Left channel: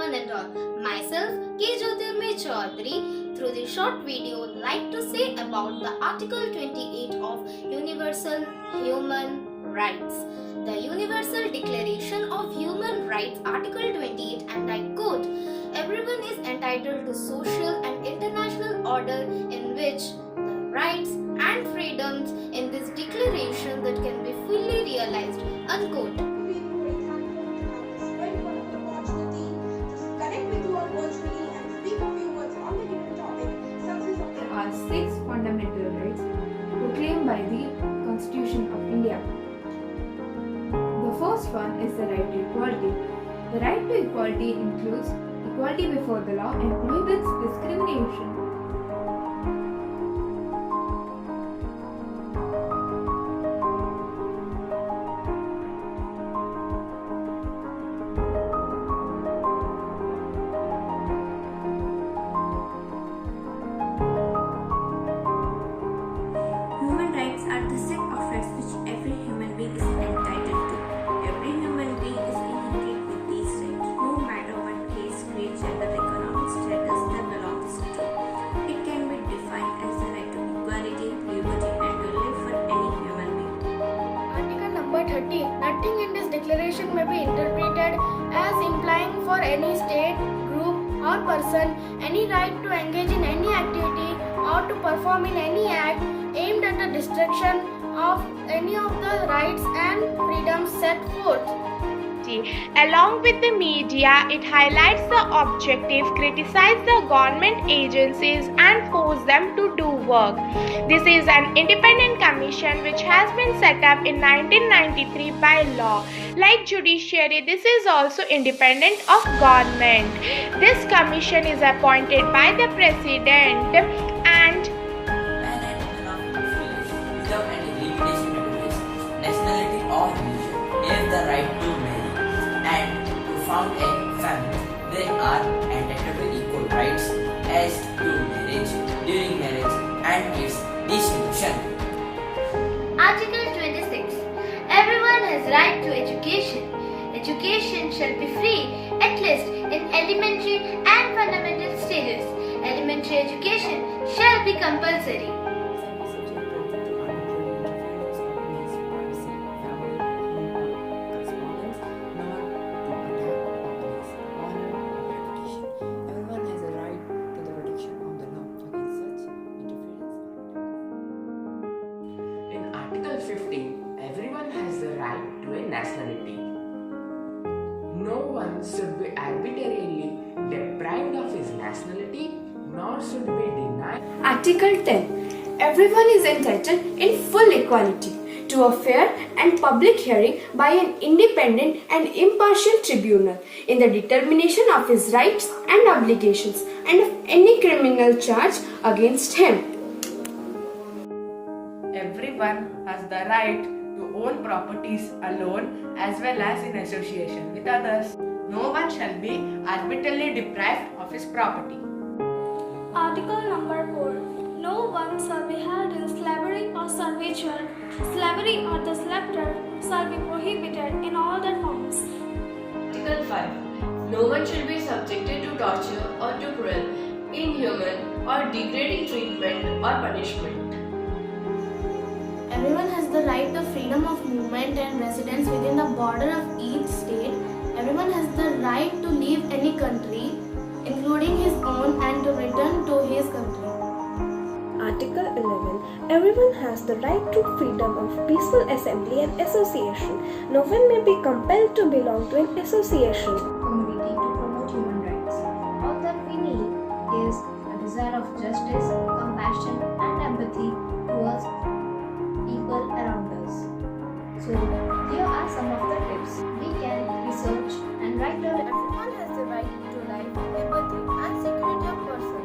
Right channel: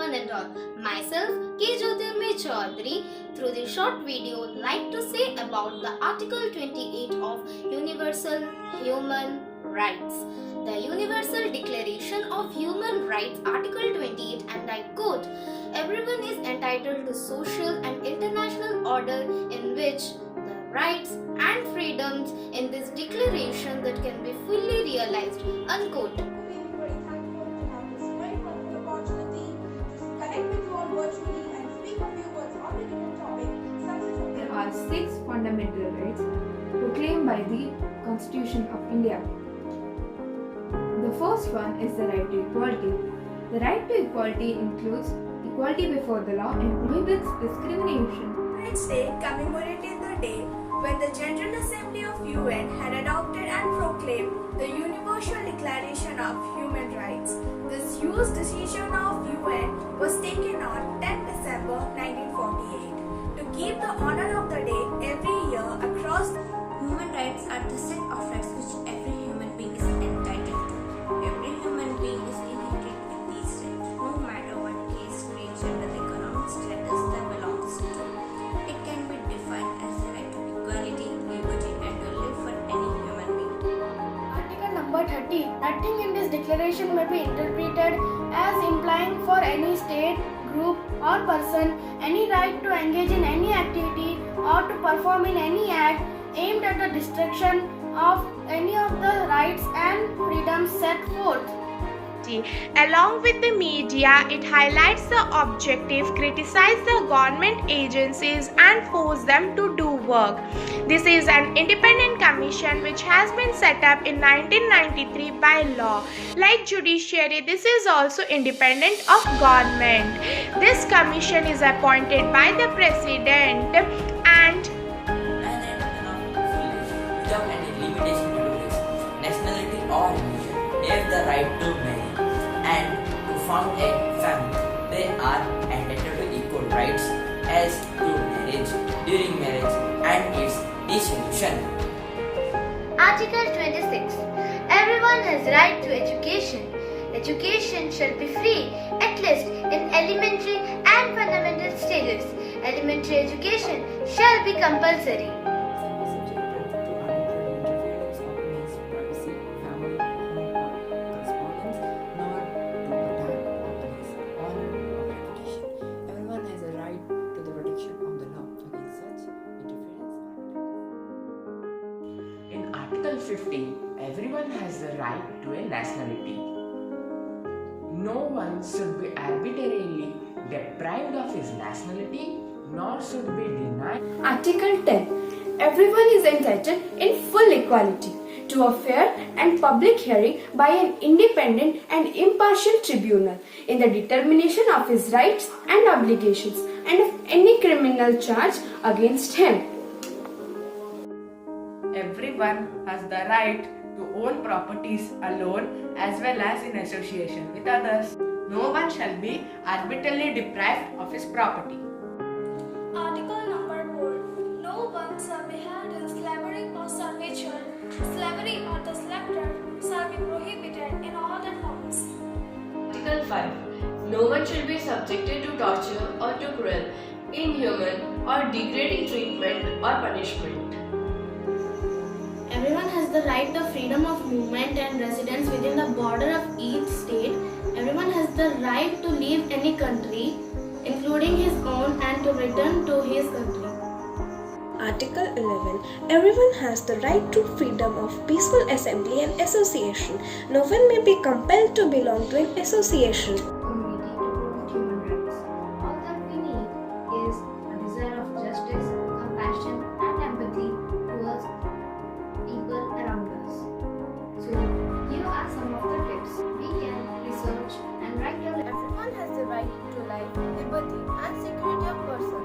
One and all. Myself, K. Jyotirmay Chaudhary, through this short video, like to say about the Article 28 of Universal Human Rights. The Universal Declaration of Human Rights, Article 28, and I quote, "Everyone is entitled to social and international order in which the rights and freedoms in this declaration that can be fully realized," unquote. There are 6 fundamental rights proclaimed by the Constitution of India. The first one is the right to equality. The right to equality includes equality before the law and prohibits discrimination. Its Day commemorated the day when the General Assembly of UN had adopted and proclaimed the Universal Declaration of Human Rights. This huge decision of UN was taken on 10 December 1948 to keep the honor of the day every year across. Human rights are the set of rights which every human being is entitled to. Every human being is inherent with these rights, no matter what race, creed, gender, economic status they belongs to. It can be defined as the right to equality, liberty, and to live for any human being. Article number 30. Nothing in this declaration may be interpreted as implying for any state, group, or person any right to engage in any activity or to perform in any act aimed at the destruction of any of the rights and freedoms set forth. Along with the media, it highlights the objective, criticizes the government agencies, and force them to do work. This is an independent commission which has been set up in 1993 by law. Like judiciary, this is also independent of government. This commission is appointed by the president and without any limitation to race, nationality or religion, have the right to marry and to found a family. They are entitled to equal rights as to marriage, during marriage, and its dissolution. Article 26. Everyone has right to education. Education shall be free, at least in elementary and fundamental stages. Elementary education shall be compulsory. Shall be subjected to arbitrary interference of one's privacy, family, home, or correspondence, nor to attack upon his honor or reputation. Everyone has a right to the protection of the law against such interference or attack. In Article 15, everyone has the right to a nationality. No one should be arbitrarily deprived of his nationality, nor should be denied. Article 10. Everyone is entitled in full equality to a fair and public hearing by an independent and impartial tribunal in the determination of his rights and obligations and of any criminal charge against him. Everyone has the right to own properties alone as well as in association with others. No one shall be arbitrarily deprived of his property. Article number 4. No one shall be held in slavery or servitude. Slavery or the slaughter shall be prohibited in all their forms. Article 5. No one shall be subjected to torture or to cruel, inhuman, or degrading treatment or punishment. Everyone has the right to freedom of movement and residence within the border of each state. Everyone has the right to leave any country, including his own, and to return to his country. Article 11. Everyone has the right to freedom of peaceful assembly and association. No one may be compelled to belong to an association. Committee to promote human rights. All that we need is a desire of justice, compassion, and empathy towards people around us. So, here are some of the tips we can research and write down. Everyone has the right to life, liberty, and security of person.